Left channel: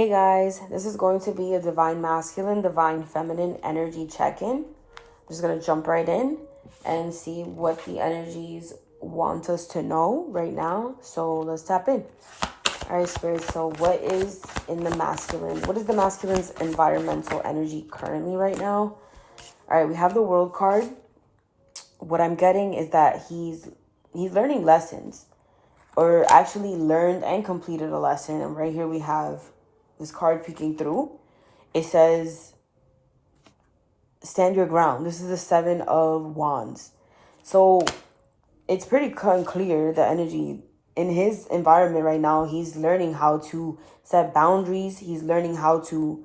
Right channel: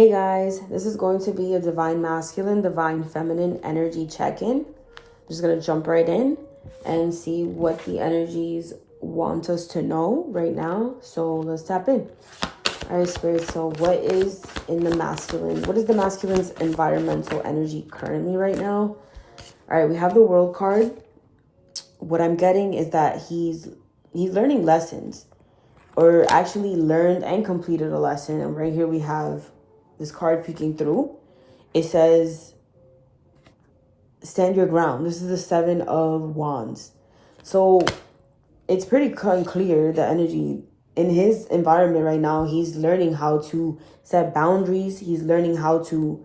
Hey guys, this is going to be a divine masculine, divine feminine energy check-in. I'm just going to jump right in and see what the energies want us to know right now. So let's tap in. All right, Spirit. So what is in the masculine? What is the masculine's environmental energy currently right now? All right, we have the World card. What I'm getting is that he's learning lessons, or actually learned and completed a lesson. And right here we have this card peeking through. It says, stand your ground. This is the Seven of Wands. So it's pretty clear the energy in his environment right now. He's learning how to set boundaries. He's learning how to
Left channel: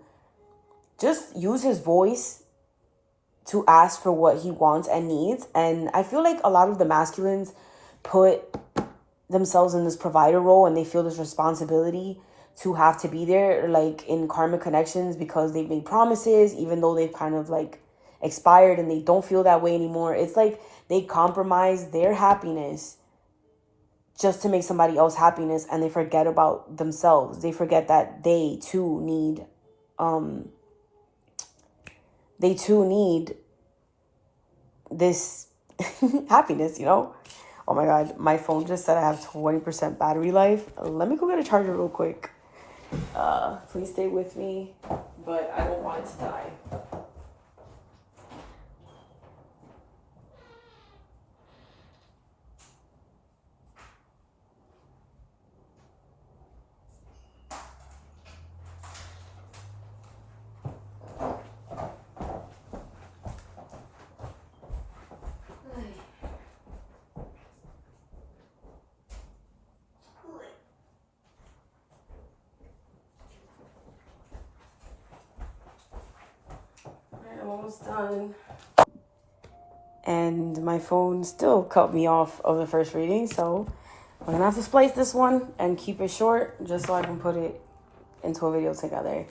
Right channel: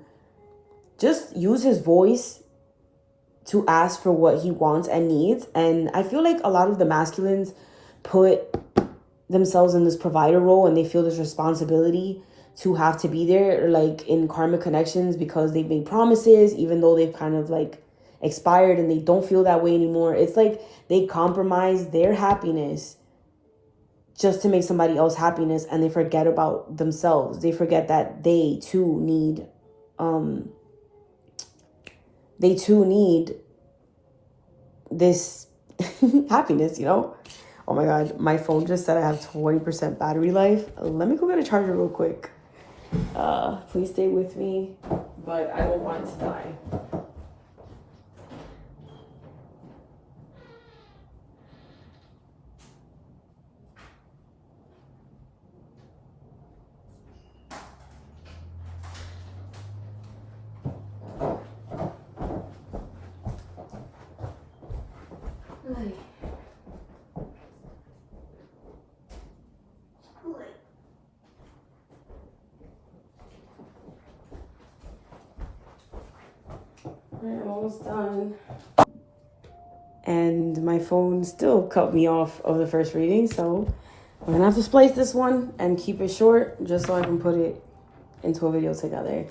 just use his voice to ask for what he wants and needs. And I feel like a lot of the masculines put themselves in this provider role, and they feel this responsibility to have to be there, like in karmic connections, because they've made promises, even though they've kind of like expired and they don't feel that way anymore. It's like they compromise their happiness just to make somebody else happiness, and they forget about themselves. They forget that they too need this happiness, you know? Oh my God, my phone just said I have 20% battery life. Let me go get a charger real quick. Please stay with me, but I don't want it to die. I'm almost done. And my phone still cut me off of the first reading, so we're gonna have to splice this one and keep it short just so I can put it into a video together.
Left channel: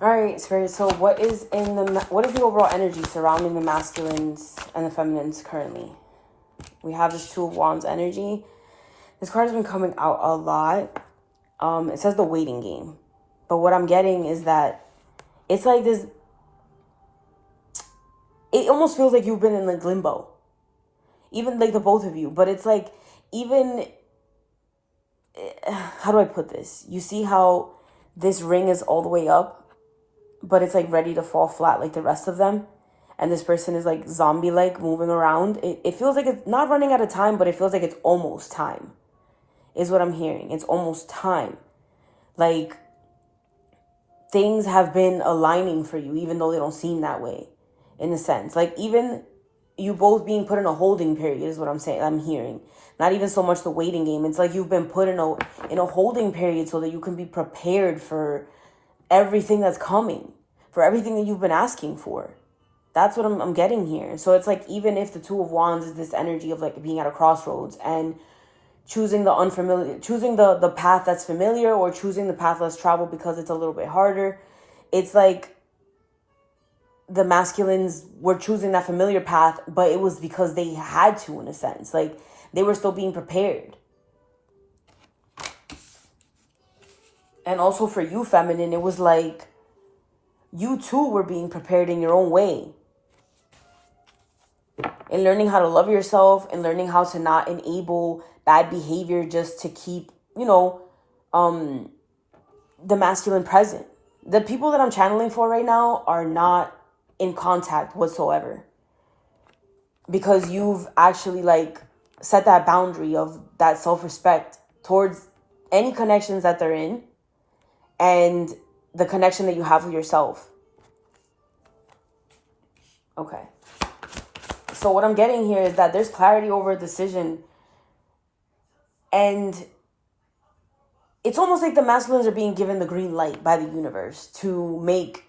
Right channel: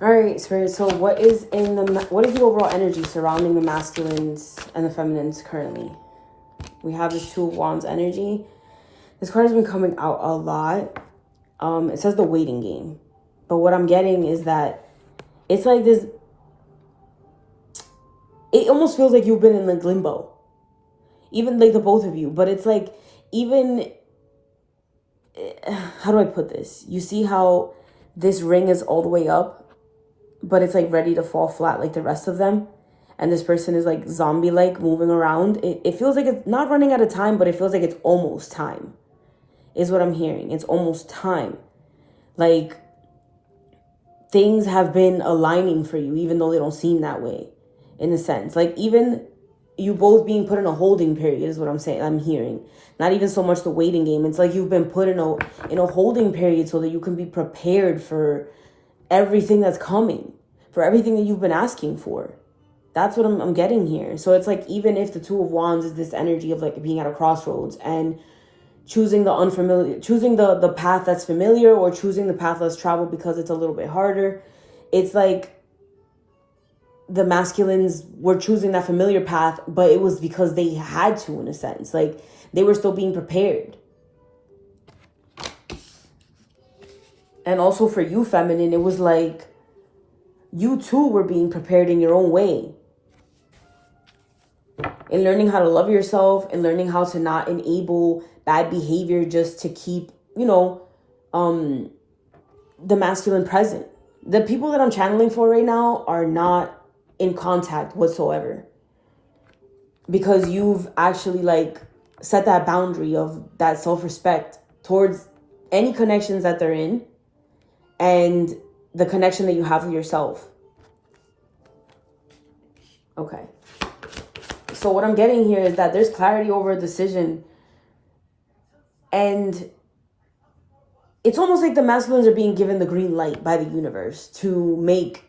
All right, Spirit. So what is the overall energy surrounding the masculines and the feminines currently? We have this Two of Wands energy. This card has been coming out a lot. It says the waiting game, but what I'm getting is that it's like this. It almost feels like you've been in like limbo, even like the both of you. But it's like, even, how do I put this? You see how this ring is all the way up, but it's like ready to fall flat like the rest of them. And this person is like zombie-like moving around. It feels like it's not running out of time, but it feels like it's almost time, is what I'm hearing. It's almost time. Like things have been aligning for you, even though they don't seem that way. In a sense, like even you both being put in a holding period is what I'm saying. I'm hearing not even so much the waiting game. It's like you've been put in a holding period so that you can be prepared for everything that's coming, for everything that you've been asking for. That's what I'm getting here. So it's like, even if the Two of Wands is this energy of like being at a crossroads and choosing the unfamiliar, choosing the path that's familiar, or choosing the path less traveled because it's a little bit harder. It's like the masculines were choosing that familiar path, but it was because they had to, in a sense. Like they were still being prepared. And also for you, feminine, it was like you too were being prepared in your own way. And learning how to love yourself, and learning how to not enable bad behavior just to keep, the masculine present. The people that I'm channeling for right now are not in contact whatsoever, because you've actually like set that boundary of that self-respect towards any connections that they're in, and the connection that you have with yourself. Okay. So what I'm getting here is that there's clarity over a decision, and it's almost like the masculines are being given the green light by the universe to make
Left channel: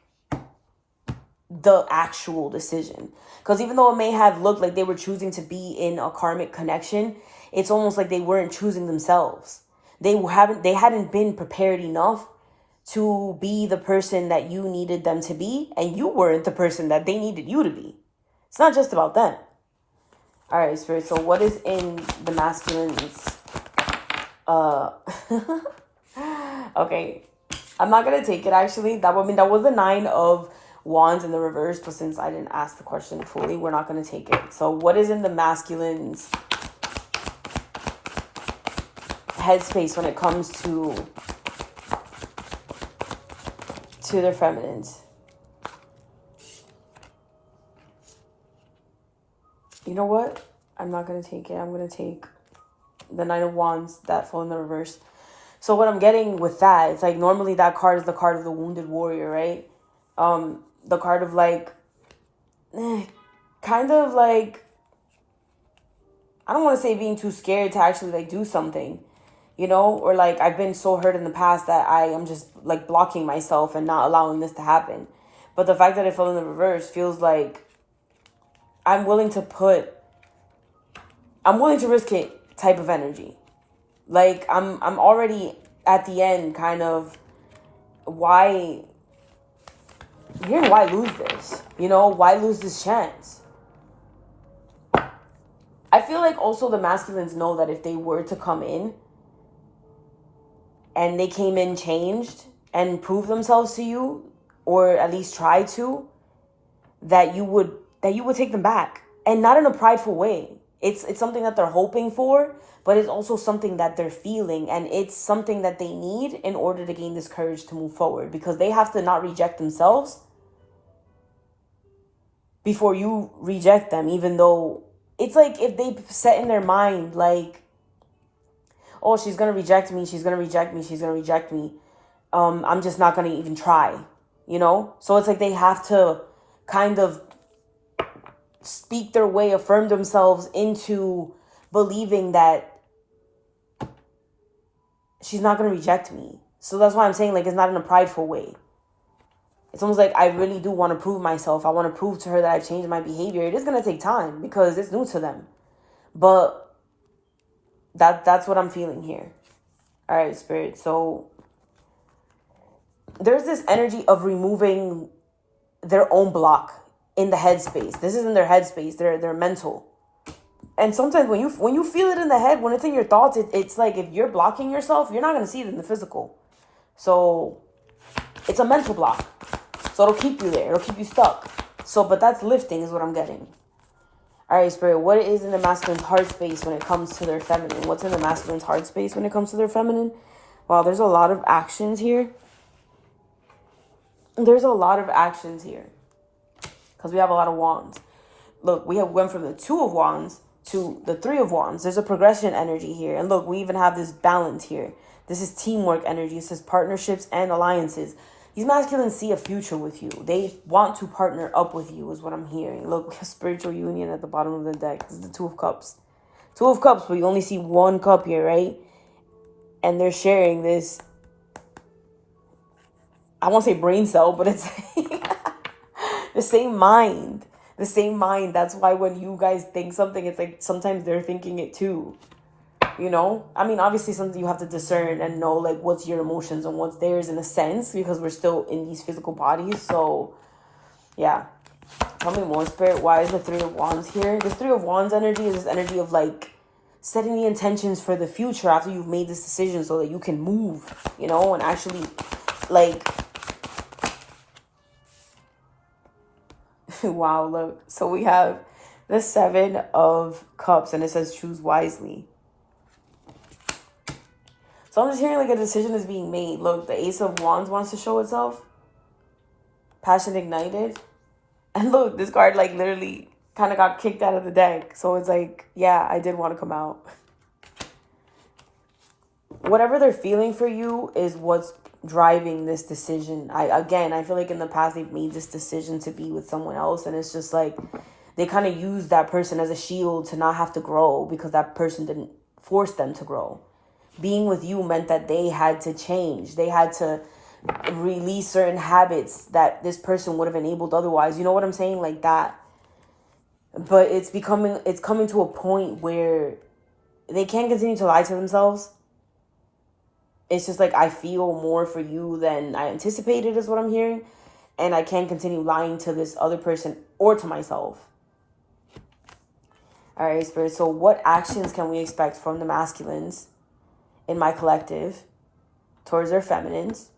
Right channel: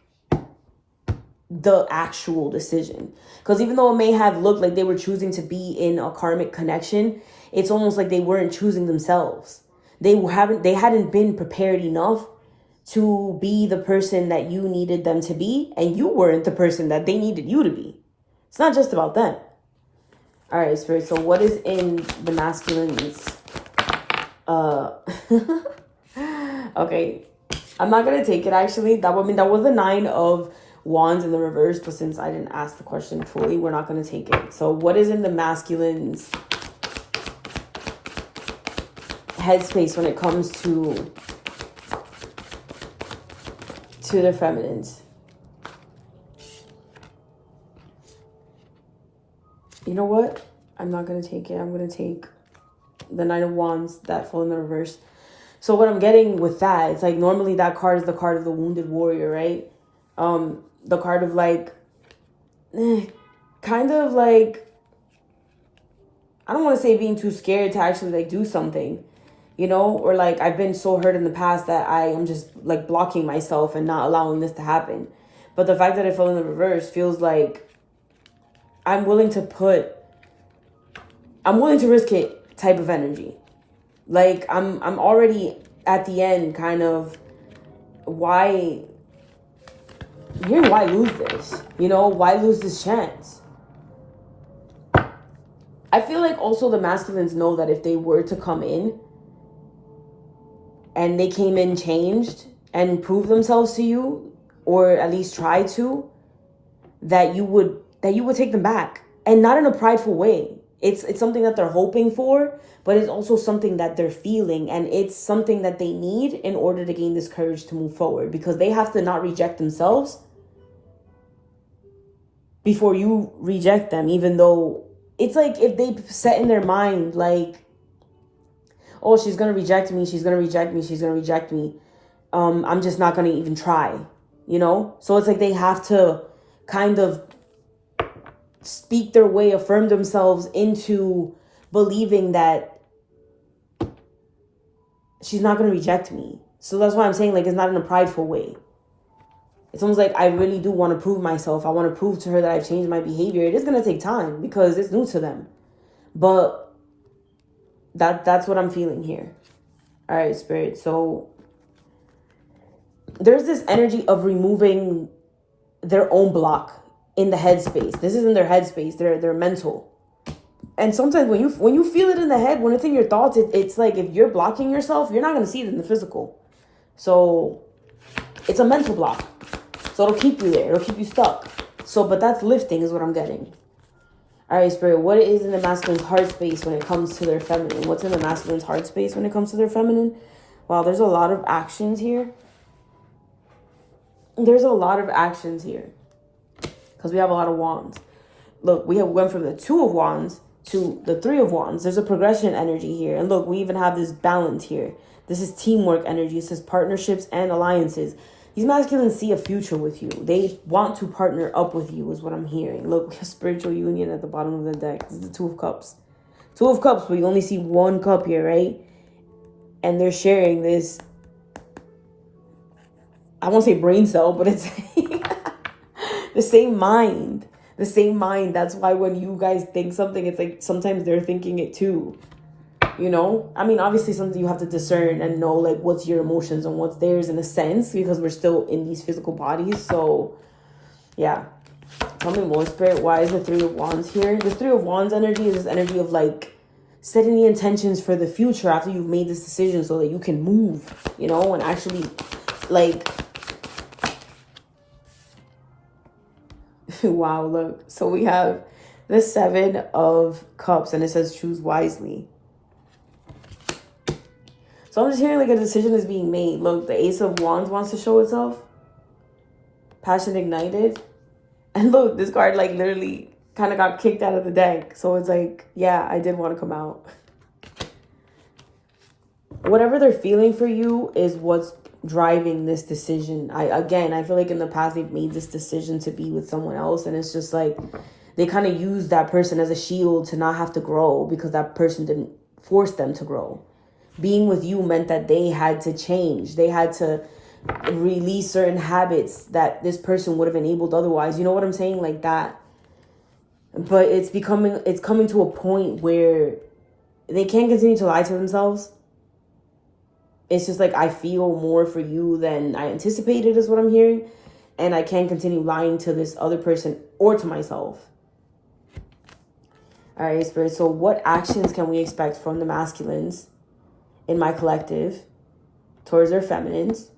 the actual decision. Because even though it may have looked like they were choosing to be in a karmic connection, it's almost like they weren't choosing themselves. They hadn't been prepared enough to be the person that you needed them to be, and you weren't the person that they needed you to be. It's not just about them. All right, Spirit. So what is in the masculines? Okay. I'm not gonna take it actually. That was the 9 of Wands in the reverse, but since I didn't ask the question fully, we're not gonna take it. So what is in the masculine's headspace when it comes to their feminines? You know what? I'm not gonna take it. I'm gonna take the 9 of Wands, that fall in the reverse. So what I'm getting with that, it's like normally that card is the card of the wounded warrior, right? The card of like, kind of like, I don't want to say being too scared to actually like do something, you know? Or like I've been so hurt in the past that I am just like blocking myself and not allowing this to happen. But the fact that it fell in the reverse feels like I'm willing to risk it type of energy. Like I'm already at the end, kind of why lose this? You know, why lose this chance? I feel like also the masculines know that if they were to come in and they came in changed and prove themselves to you, or at least try to, that you would take them back, and not in a prideful way. It's something that they're hoping for, but it's also something that they're feeling, and it's something that they need in order to gain this courage to move forward, because they have to not reject themselves before you reject them. Even though it's like if they set in their mind like, oh, she's gonna reject me, I'm just not gonna even try, you know? So it's like they have to kind of speak their way, affirm themselves into believing that she's not going to reject me. So that's why I'm saying, like, it's not in a prideful way. It's almost like I really do want to prove myself. I want to prove to her that I've changed my behavior. It is going to take time because it's new to them. But that's what I'm feeling here. All right, Spirit. So there's this energy of removing their own block in the headspace. This is in their headspace, their mental. And sometimes when you feel it in the head, when it's in your thoughts, it's like if you're blocking yourself, you're not going to see it in the physical. So it's a mental block. So it'll keep you there. It'll keep you stuck. So, but that's lifting is what I'm getting. All right, Spirit, what is in the masculine's heart space when it comes to their feminine? What's in the masculine's heart space when it comes to their feminine? Wow, there's a lot of actions here. Because we have a lot of wands. Look, we went from the 2 of wands to the 3 of wands. There's a progression energy here. And look, we even have this balance here. This is teamwork energy. It says partnerships and alliances. These masculines see a future with you. They want to partner up with you is what I'm hearing. Look, spiritual union at the bottom of the deck. This is the 2 of cups. 2 of cups, but you only see 1 cup here, right? And they're sharing this, I won't say brain cell, but it's the same mind. The same mind. That's why when you guys think something, it's like sometimes they're thinking it too. You know? I mean, obviously something you have to discern and know like what's your emotions and what's theirs in a sense, because we're still in these physical bodies. So, yeah. Tell me more, Spirit. Why is the 3 of wands here? The 3 of wands energy is this energy of like setting the intentions for the future after you've made this decision so that you can move, you know, and actually like... Wow, look. So we have the 7 of cups and it says choose wisely. So I'm just hearing like a decision is being made. Look, the Ace of Wands wants to show itself. Passion ignited. And look, this card like literally kind of got kicked out of the deck. So it's like, yeah, I did want to come out. Whatever they're feeling for you is what's driving this decision. I feel like in the past they've made this decision to be with someone else, and it's just like they kind of use that person as a shield to not have to grow because that person didn't force them to grow. Being with you meant that they had to change. They had to release certain habits that this person would have enabled otherwise. You know what I'm saying? Like that. But it's coming to a point where they can't continue to lie to themselves. It's just like, I feel more for you than I anticipated is what I'm hearing. And I can't continue lying to this other person or to myself. All right, Spirit. So what actions can we expect from the masculines in my collective towards their feminines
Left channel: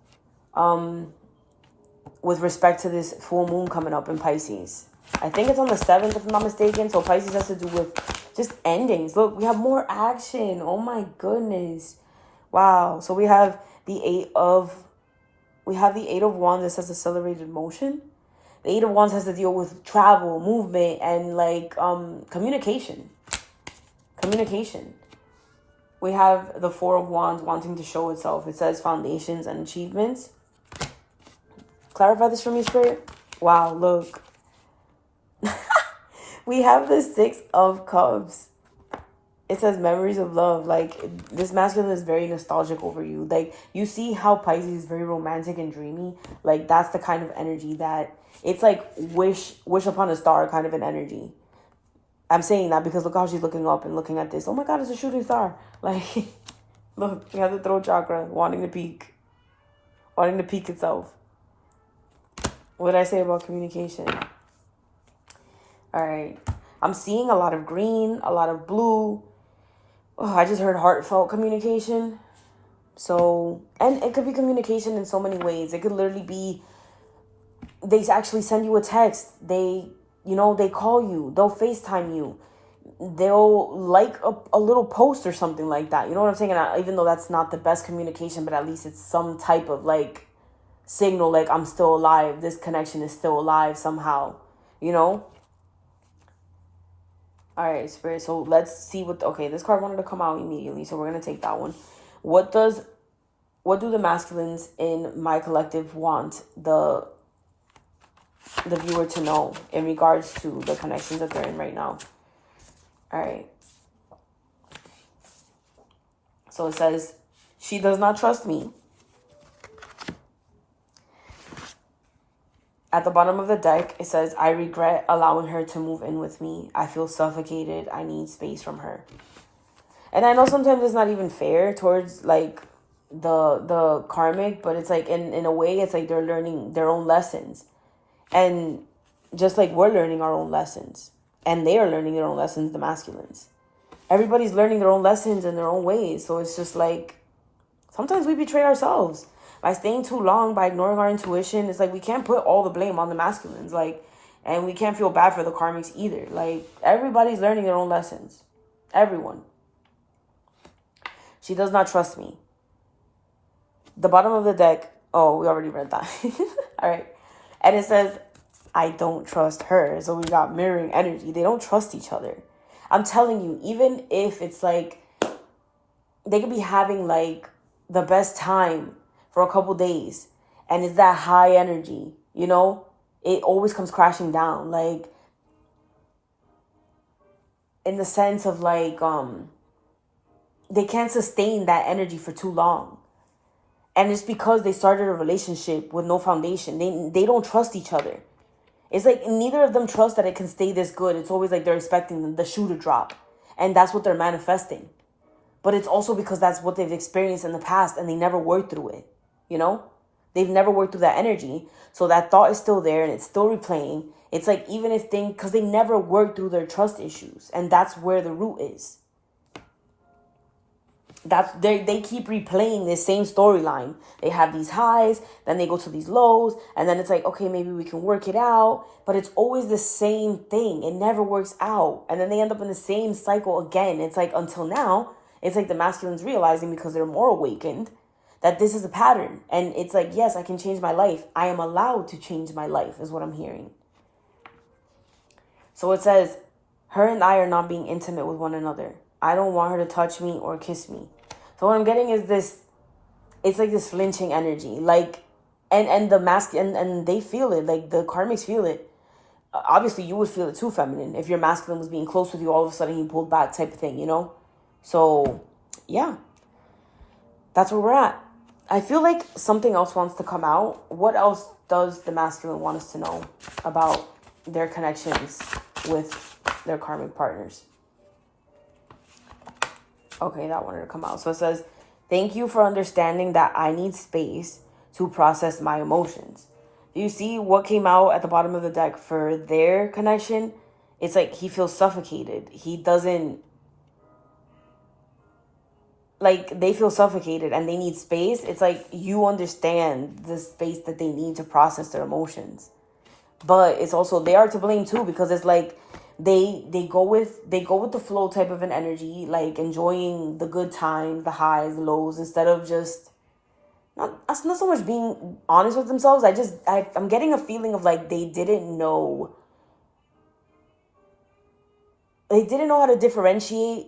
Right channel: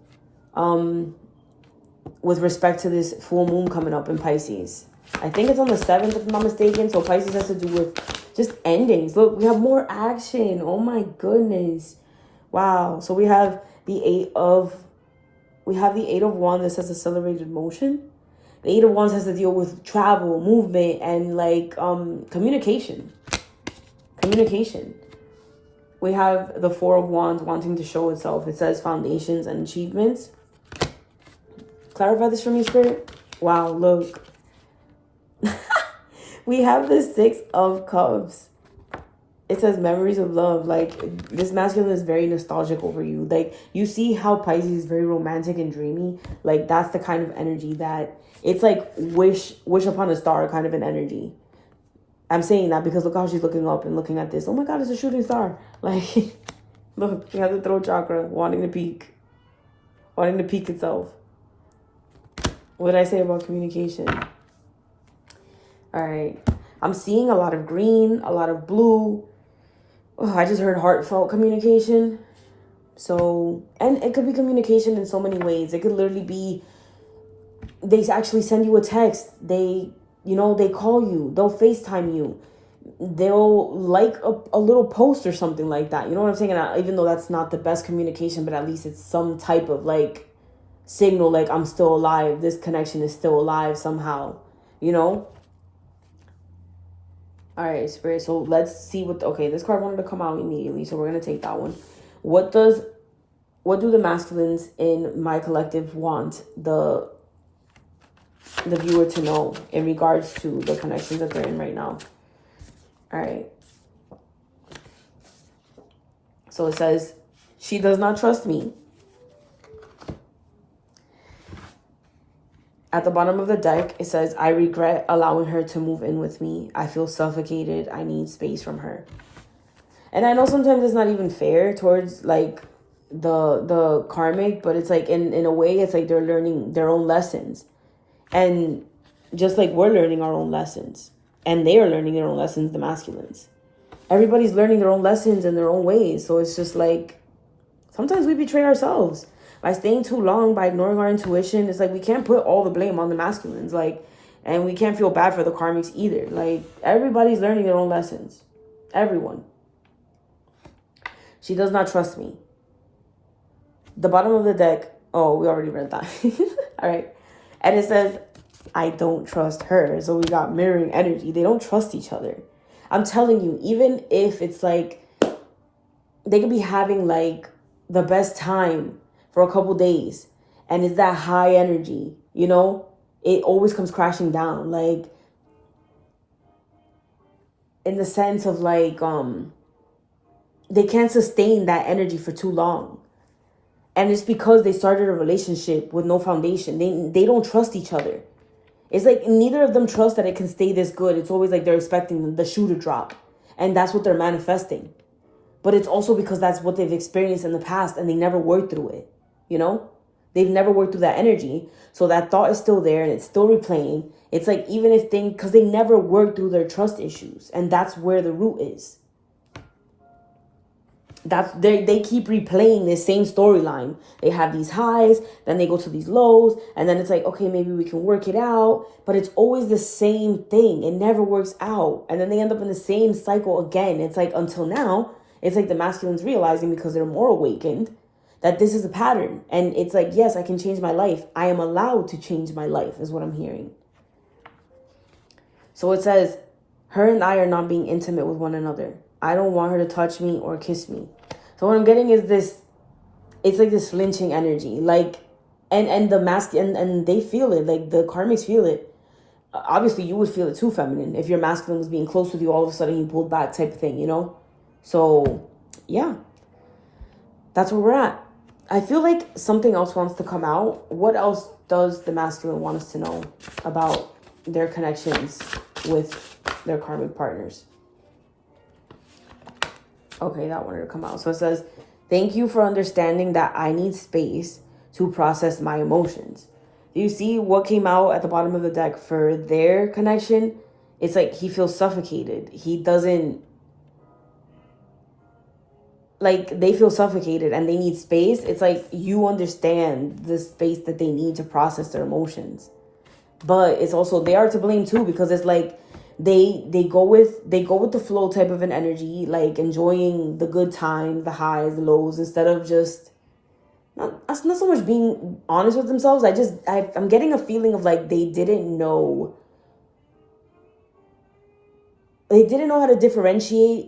with respect to this full moon coming up in Pisces. I think it's on the 7th, if I'm not mistaken. So Pisces has to do with just endings. Look, we have more action. Oh my goodness. Wow. So we have the Eight of Wands that says accelerated motion. The Eight of Wands has to deal with travel, movement, and like communication. We have the Four of Wands wanting to show itself. It says foundations and achievements. Clarify this for me, Spirit. Wow, look. We have the Six of Cups. It says memories of love. Like, this masculine is very nostalgic over you. Like, you see how Pisces is very romantic and dreamy. Like, that's the kind of energy that it's like wish upon a star kind of an energy. I'm saying that because look how she's looking up and looking at this. Oh my God, it's a shooting star. Like, look, you have the throat chakra wanting to peak itself. What did I say about communication? All right. I'm seeing a lot of green, a lot of blue. Oh, I just heard heartfelt communication. So, and it could be communication in so many ways. It could literally be, they actually send you a text. They call you. They'll FaceTime you. They'll like a little post or something like that. You know what I'm saying? And even though that's not the best communication, but at least it's some type of like signal, like I'm still alive. This connection is still alive somehow, you know? All right, Spirit. So let's see this card wanted to come out immediately. So we're going to take that one. What do the masculines in my collective want the viewer to know in regards to the connections that they're in right now? All right. So it says, she does not trust me. At the bottom of the deck, it says, I regret allowing her to move in with me. I feel suffocated. I need space from her. And I know sometimes it's not even fair towards like the karmic, but it's like in a way, it's like they're learning their own lessons. And just like we're learning our own lessons. And they are learning their own lessons, the masculines. Everybody's learning their own lessons in their own ways. So it's just like, sometimes we betray ourselves. By staying too long, by ignoring our intuition, it's like we can't put all the blame on the masculines. Like, and we can't feel bad for the karmics either. Like, everybody's learning their own lessons. Everyone. She does not trust me. The bottom of the deck. Oh, we already read that. All right. And it says, I don't trust her. So we got mirroring energy. They don't trust each other. I'm telling you, even if it's like, they could be having like the best time for a couple days, and it's that high energy, you know, it always comes crashing down, like in the sense of like they can't sustain that energy for too long. And it's because they started a relationship with no foundation. They don't trust each other. It's like neither of them trust that it can stay this good. It's always like they're expecting the shoe to drop, and that's what they're manifesting. But it's also because that's what they've experienced in the past, and they never worked through it. You know, they've never worked through that energy. So that thought is still there and it's still replaying. It's like, even if because they never worked through their trust issues, and that's where the root is. They keep replaying this same storyline. They have these highs, then they go to these lows, and then it's like, okay, maybe we can work it out. But it's always the same thing. It never works out. And then they end up in the same cycle again. It's like, until now, it's like the masculines realizing, because they're more awakened, that this is a pattern. And it's like, yes, I can change my life. I am allowed to change my life, is what I'm hearing. So it says, her and I are not being intimate with one another. I don't want her to touch me or kiss me. So what I'm getting is this, it's like this flinching energy. Like, and the masculine, and they feel it. Like, the karmics feel it. Obviously, you would feel it too, feminine. If your masculine was being close with you, all of a sudden he pulled back type of thing, you know? So, yeah. That's where we're at. I feel like something else wants to come out. What else does the masculine want us to know about their connections with their karmic partners? Okay, that wanted to come out. So it says, thank you for understanding that I need space to process my emotions. Do you see what came out at the bottom of the deck for their connection? It's like he feels suffocated. He doesn't like they feel suffocated and they need space, it's like you understand the space that they need to process their emotions. But it's also they are to blame too, because it's like they go with the flow type of an energy, like enjoying the good times, the highs, the lows, instead of just not so much being honest with themselves. I'm getting a feeling of like they didn't know how to differentiate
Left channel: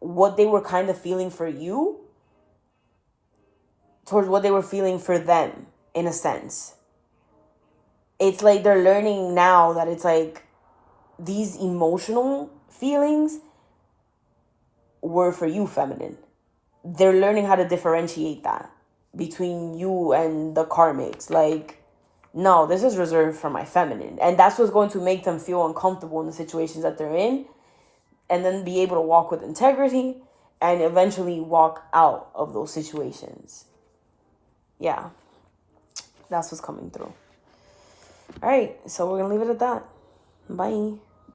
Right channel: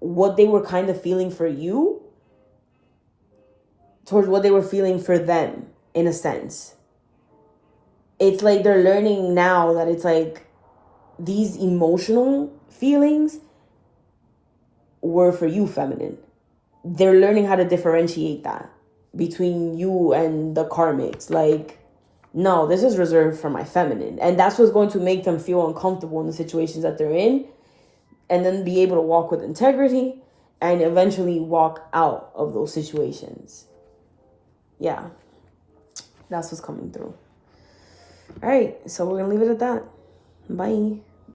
what they were kind of feeling for you towards what they were feeling for them, in a sense. It's like they're learning now that it's like these emotional feelings were for you, feminine. They're learning how to differentiate that between you and the karmics. Like, no, this is reserved for my feminine. And that's what's going to make them feel uncomfortable in the situations that they're in, and then be able to walk with integrity and eventually walk out of those situations. Yeah, that's what's coming through. All right, so we're gonna leave it at that. Bye.